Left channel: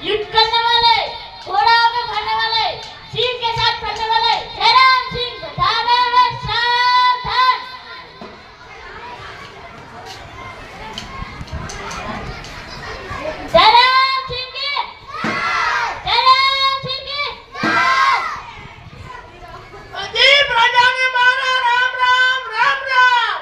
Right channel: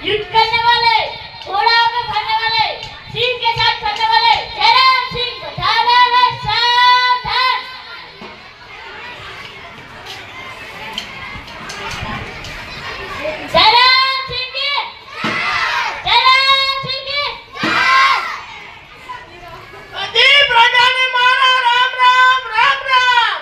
युद्ध करने वाले, घोड़ाओं को खाने वाले, सिंह के साथ चलने वाले जयराम सिंह बता रहा है सावधान। जयराम सिंह की जयराम सिंह की बधी प्रजाने मारा राम राम राम राम।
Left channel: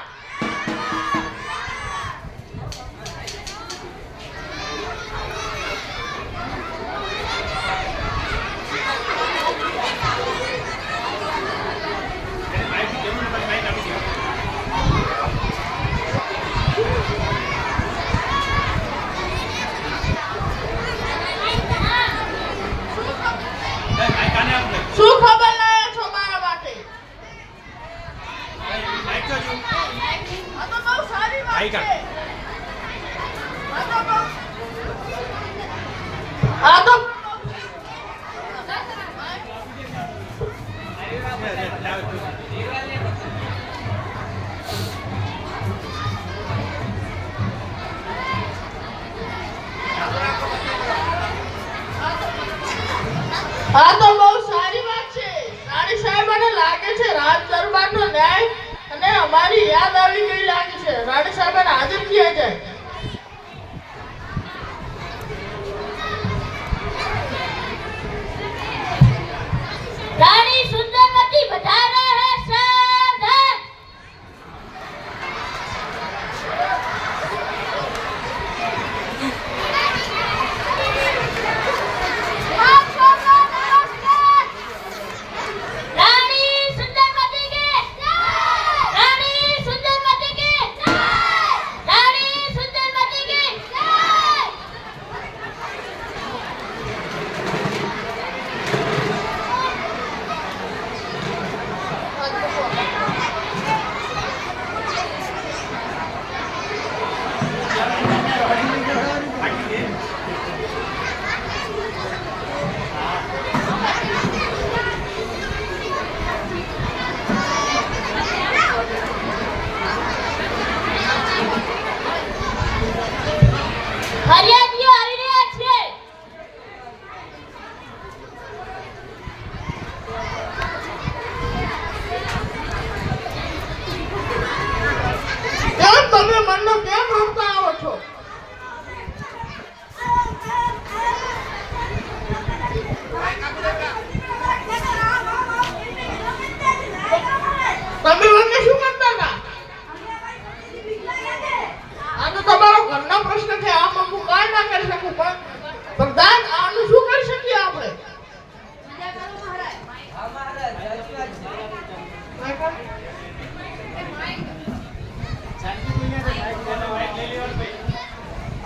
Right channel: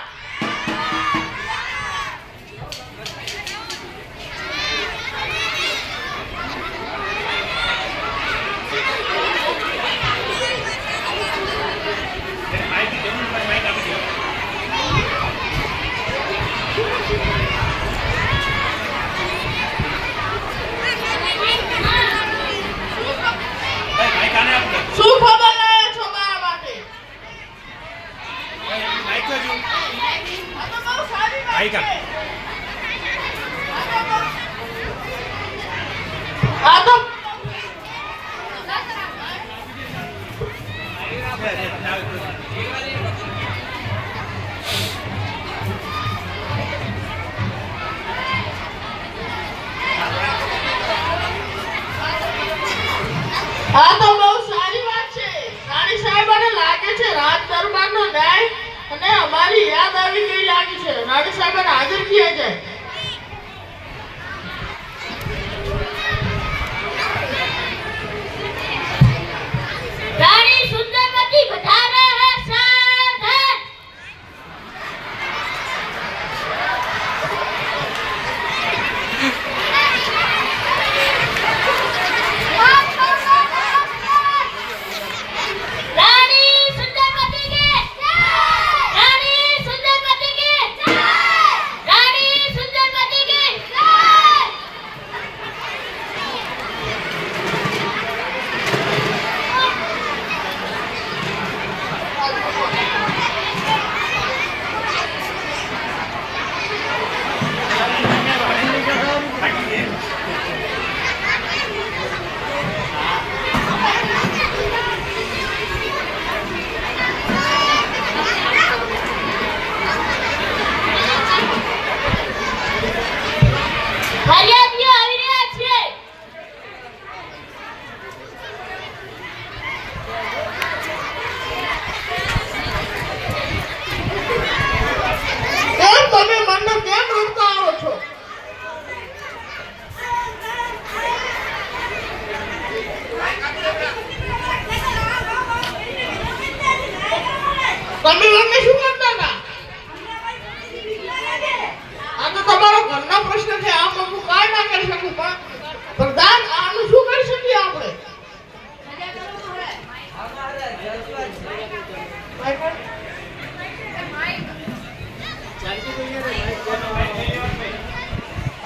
શું ખબર લાયા છો મારા માટે? આ તો બહુ સારી વાત છે. આ તો બહુ સારી વાત છે. રાણી સાહેબાને લાગે છે રાજ દરબારનો ન્યાય અને અમારી યાદ આવી ગઈ લાગી છે. રાણી સાહેબાને હાજર થયા જાય. रानी सुंदरवती बता रहे हैं सावधान। रानी सुंदरवती की रानी सुंदरवती की रानी सुंदरवती की ફરિયાદીઓ આવી રહ્યા છે. કેમ તમે મનને કેમ રોકતા આવો છો? તમે મને શું કરતા હતા? આ તો તમારો ઘરનો પ્રશ્ન છે. આમ હું કાંઈ ના કરી શકું. પણ પ્રધાન આનું શું કરી શકીએ આપણે?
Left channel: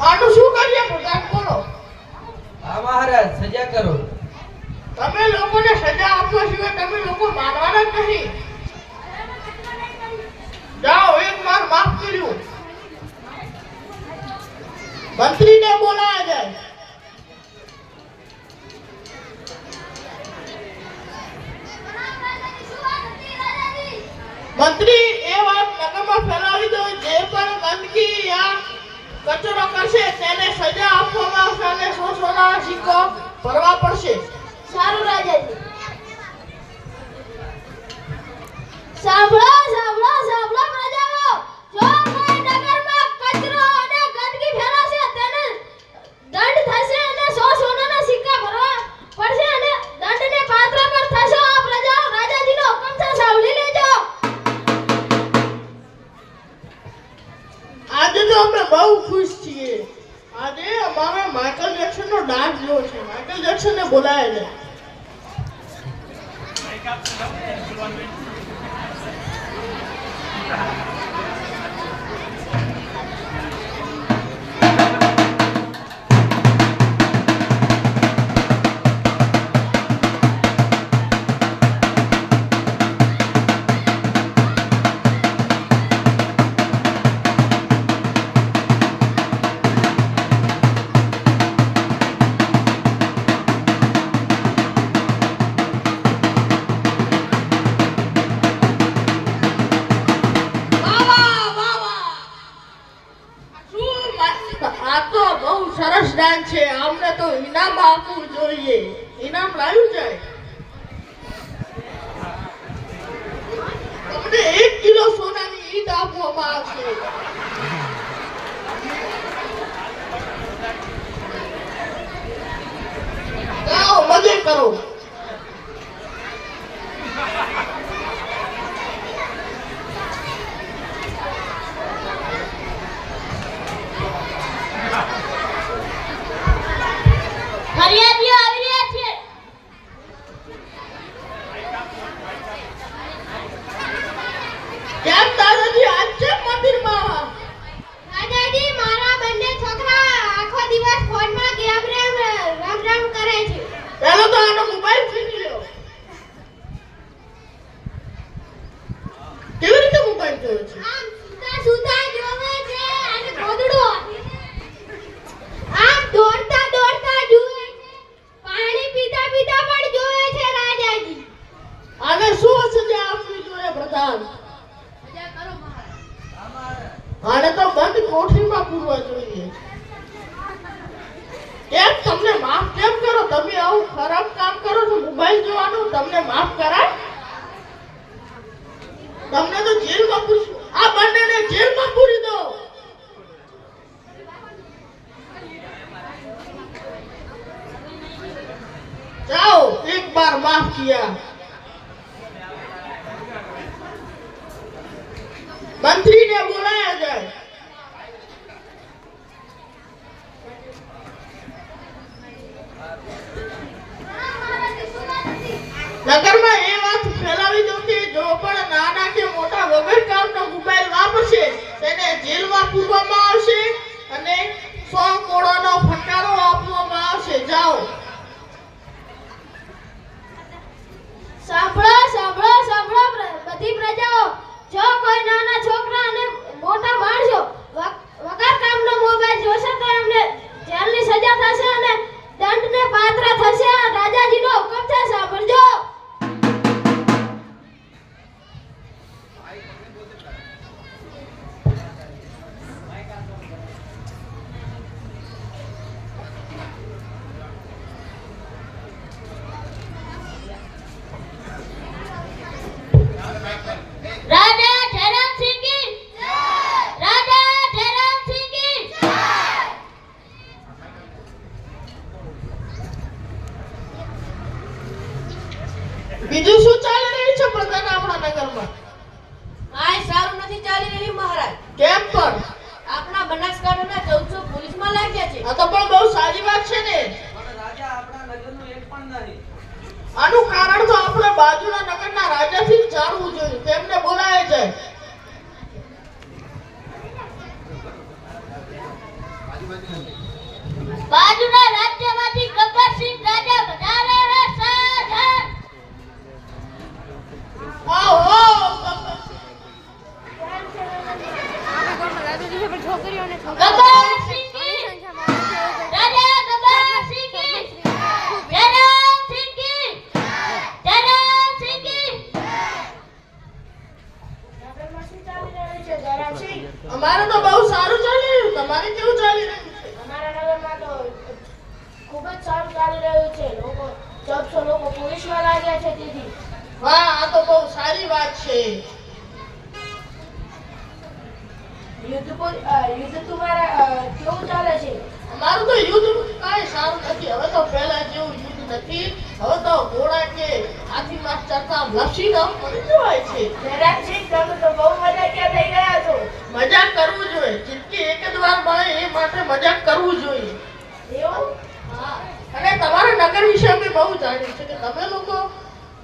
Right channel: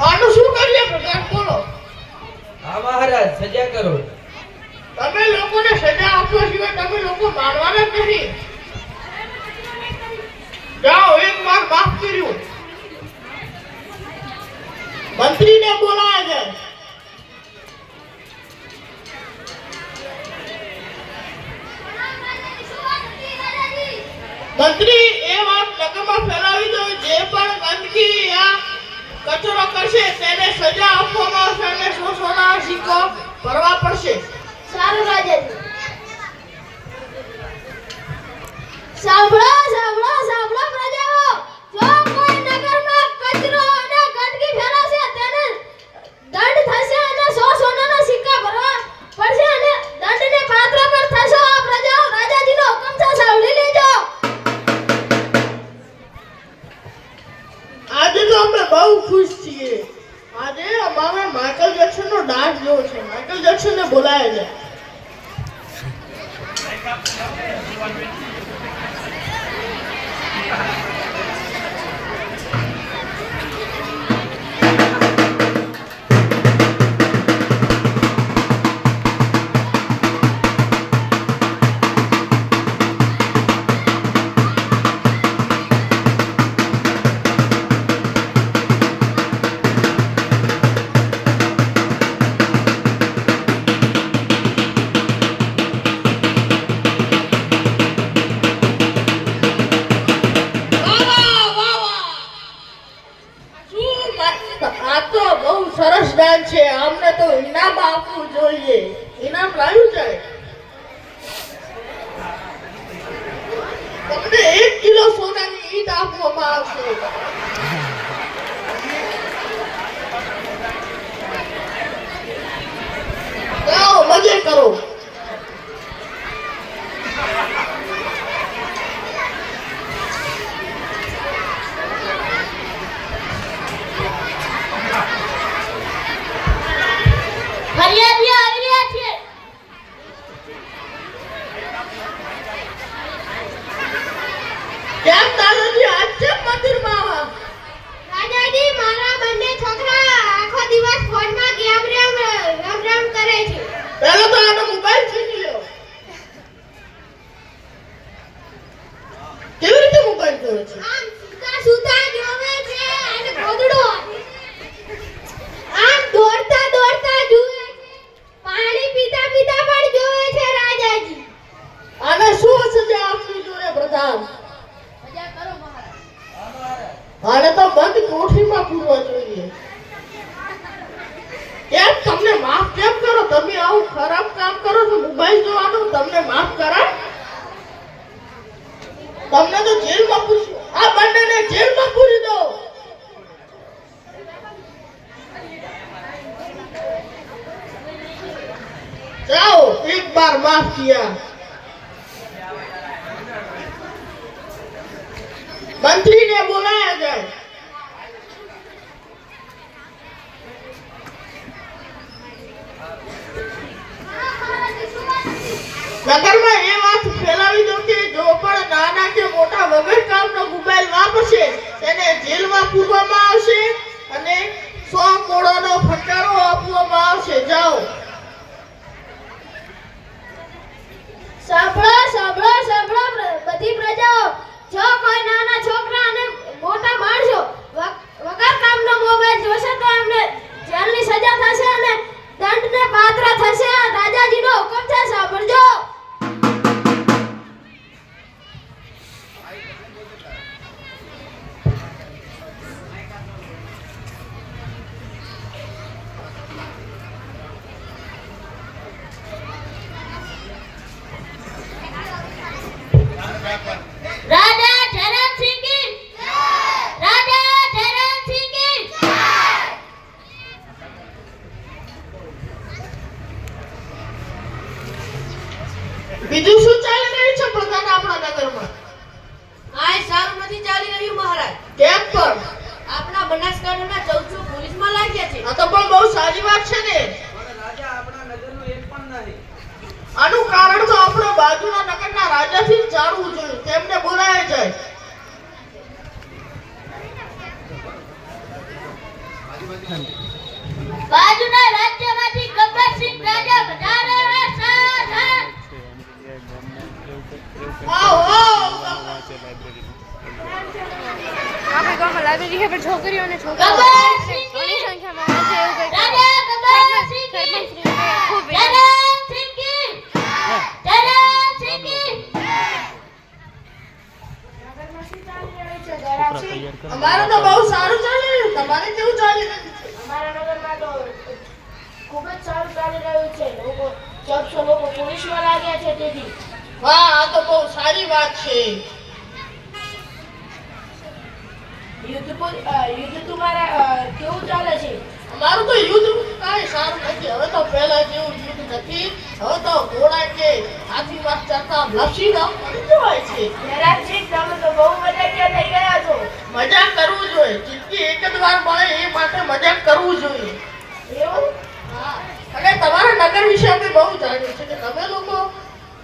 આનું શું કરીએ પ્રધાન? બોલો. હા મહારાજ, સજા કરો. તમે લોકોને સજા આપવા સિવાય તમે લોકો માનવાના જ નહીં. જાઓ, એક વાર માફ કર્યું. મંત્રીને બોલાયા જાય. મંત્રી એ વાત નગરમાં ફેલાવી દો. જે પણ ગંદકી યા કચરો કરશે તેને સજા આપવામાં આવશે અને 100 સોનાના સિક્કો ભરવા પડશે. સારું રાજાજી. સાંભળો સાંભળો સાંભળો પ્રજાઓ. જો કોઈ નગરમાં કચરો અને ગંદકી ફેલાશે તેને દંડ થશે અને 100 સોનાના સિક્કા ભરવા પડશે અને દંડને પાત્ર પણ થશો. આ પ્રજાઓ રાજાજીનો હુકમ છે, સાંભળી લેજો. આજે તો અમે બહુ ખુશ છીએ. આજે અમારે માઇકલ જેક્સનનો ડાન્સ જોવો છે. માઇકલ જેક્સનને બોલાયા જાય. છે, આમને તો ઇનામ આપવું જોઈએ. ઇનામ લાવ્યું છે. તમને 1 કિલો સોનાની ઈંટ આપવામાં આવશે. જાઓ મજે કરો. ફરિયાદીઓ આવી રહ્યા છે. કેમ દાદાજી આજ કેમ મંદિરમાં? દાદાજી, મારા બંને છોકરા આખો દિવસ ફોનમાં ગેમ રમ કરે છે. પહેલો તો આનો મોબાઈલ છીની લો. કેવી રીતે મોબાઈલ જોયો છે? આમ સુતા જોવે છે અને ગોદડો આમ દોડતા જુએ છે. પાણી પીતા પણ જોવે છે રાજાજી. આને શું સજા આપવી જોઈએ પ્રધાન? મજા કરો મહારાજ. હા મહારાજ. આને તો બંધ કોઠરીમાં પૂરવા જોઈએ. કેમ તમને માફ કેમ કરો? તમે આવું ખરાબ કામ કરો છો, મોબાઈલ જોવાનું, તમને માફ કરાય? તમને તો જેલમાં પૂરશું. આ બંનેને જેલમાં પૂરી દો. જાઓ, એક બાર માફ કિયા. મંત્રીને બોલાયા જાય. નગરમાં એ વાત ફેલાવી દો કે જો પણ નાના કે મોટા વગર કામનો મોબાઈલ વાપરશે તેને જેલમાં પૂરવામાં આવશે અને 100 કોડાનો ફટકારો આપવામાં આવશે. જાઓ. સાંભળો બધી પ્રજાઓ. જો કોઈ નાના છોકરા અને મોટા માણસો વગર કામનો મોબાઈલ જોશે તો એમને જેલની સજા થશે અને દંડને પાત્ર થશે. આ રાજાજીનો હુકમ છે, સાંભળજો. રાજા ધરમસિંહ કી જય! રાજા ધરમસિંહ કી જય! બીજું શું ચાલી રહ્યું છે પ્રધાન આપણા નગરમાં? કાંઈ સારું નથી ચાલી રહ્યું મહારાજ. કેમ પણ? આપણા બનાસકાંઠાના 1400 પોલીસમાં લાગ્યા છે. આ તો પણ બહુ સારી વાત છે ને. પણ રાજા આપણા નગરનો એક પણ નહીં. આનું કારણ તો આપણા બાજુના નગરના રાજાથી જ જાણવું જોઈએ. તેમને બોલાય જાય. બાજુના રાજ્યમાંથી ગબ્બરસિંહ રાજા વધારે સાધન. ગબ્બરસિંહ કી રાજા ગબ્બરસિંહ કી ધરમસિંહ કી અમારે તો બહુ સારું ચાલી રહ્યું. તમારે કેવું ચાલી રહ્યું છે? અમારા નગરમાં તો ખૂબ જ સારું ચાલી રહ્યું છે. 1400 લોકો પોલીસમાં લાગ્યા છે તેથી. વાહ, આ તો બહુ સારી વાત છે. યુદ્ધ તમારા કેવું ચાલે છે? અમારું તો યુદ્ધ કાંઈ સારું નથી. હવે તો પહેલા જેવું યુદ્ધ નથી. હવે તો ઘોડા કે હાથીમાં ચડતા લસીના મરી જવાય છે. ધરમસિંહ, તમે તો બહુ મજાકિયા થઈ ગયા છો. મજાક કરવું જોઈએ. જિંદગી એક જ વાર મળે એ માટે મજાક કરવું જોઈએ. એવું? હા. અને તમારા નગર વિશે અમે બહુ જાણ્યું છે કે તમે લોકો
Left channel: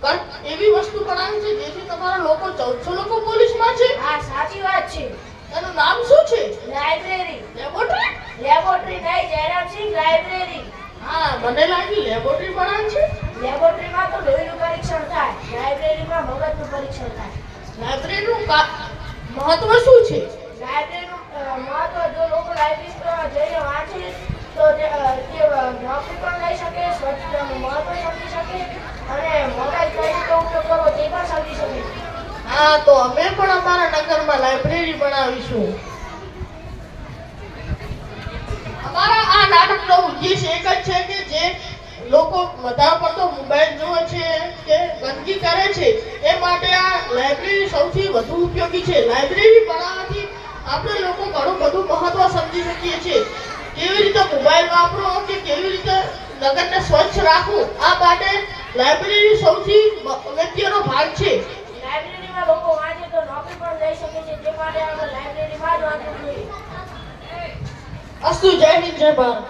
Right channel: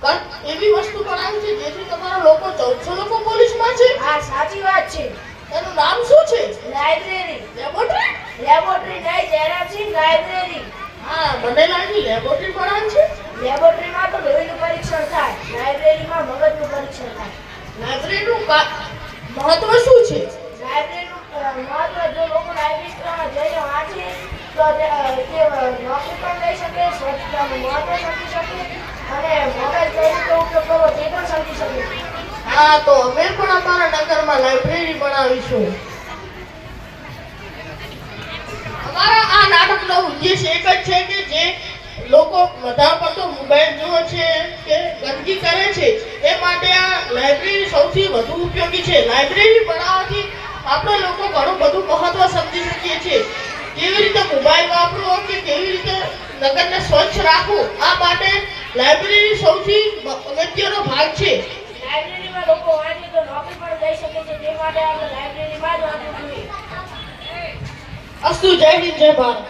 કંઈક એવી વસ્તુ બનાવી છે જેથી તમારા લોકો 1400 લોકો પોલીસમાં છે. હા, સાચી વાત છે. એનું નામ શું છે? લાઇબ્રેરી. લેબોરેટરી? લેબોરેટરી નહીં, ધરમસિંહ, લાઇબ્રેરી. હા, મને લાગી લેબોરેટરી બનાવી છે. લેબોરેટરીમાં તો લોહીનું પરીક્ષણ થાય, લાઇબ્રેરીમાં મગજનું પરીક્ષણ થાય. લાઇબ્રેરીનું મહત્વ શું છે? લાઇબ્રેરીનું મહત્વ જો લોકો લાઇબ્રેરીમાં જઈને વાંચે તો તે નોકરી પણ લઈ શકે, સ્વચ્છતાનું મહત્વ સમજી શકે અને મોબાઈલ કઈ રીતે ઉપયોગ કરવો તે પણ સમજી શકે. હા, તો અમે પણ અમારા નગરમાં લાઇબ્રેરી બનાવીશું. અમારા આ આ નાટકનો ઉદ્દેશ એક જ છે કે જે લોકો વધારે પડતો મોબાઈલ જુએ છે કે ગંદકી કરે છે એ માટે આ લાઇબ્રેરી સૌથી વધુ ઉપયોગી છે. લાઇબ્રેરી બનાવવાથી આપણે લોકો ઘણું બધું મહત્વ સમજી શકીએ છીએ. કેવી રીતે મોબાઈલ વાપરો કે કેવી રીતે નગરને સ્વચ્છ રાખવું, આ માટે લાઇબ્રેરી સૌથી અગત્યનો ભાગ છે. લાઇબ્રેરીમાં લોકો વાંચે તો નોકરી પણ લઈ શકે છે, તે માટે આપણે લાઇબ્રેરીમાં જ વાંચવું જોઈએ. અસ્તુ. જય હિન્દ, જય ભારત.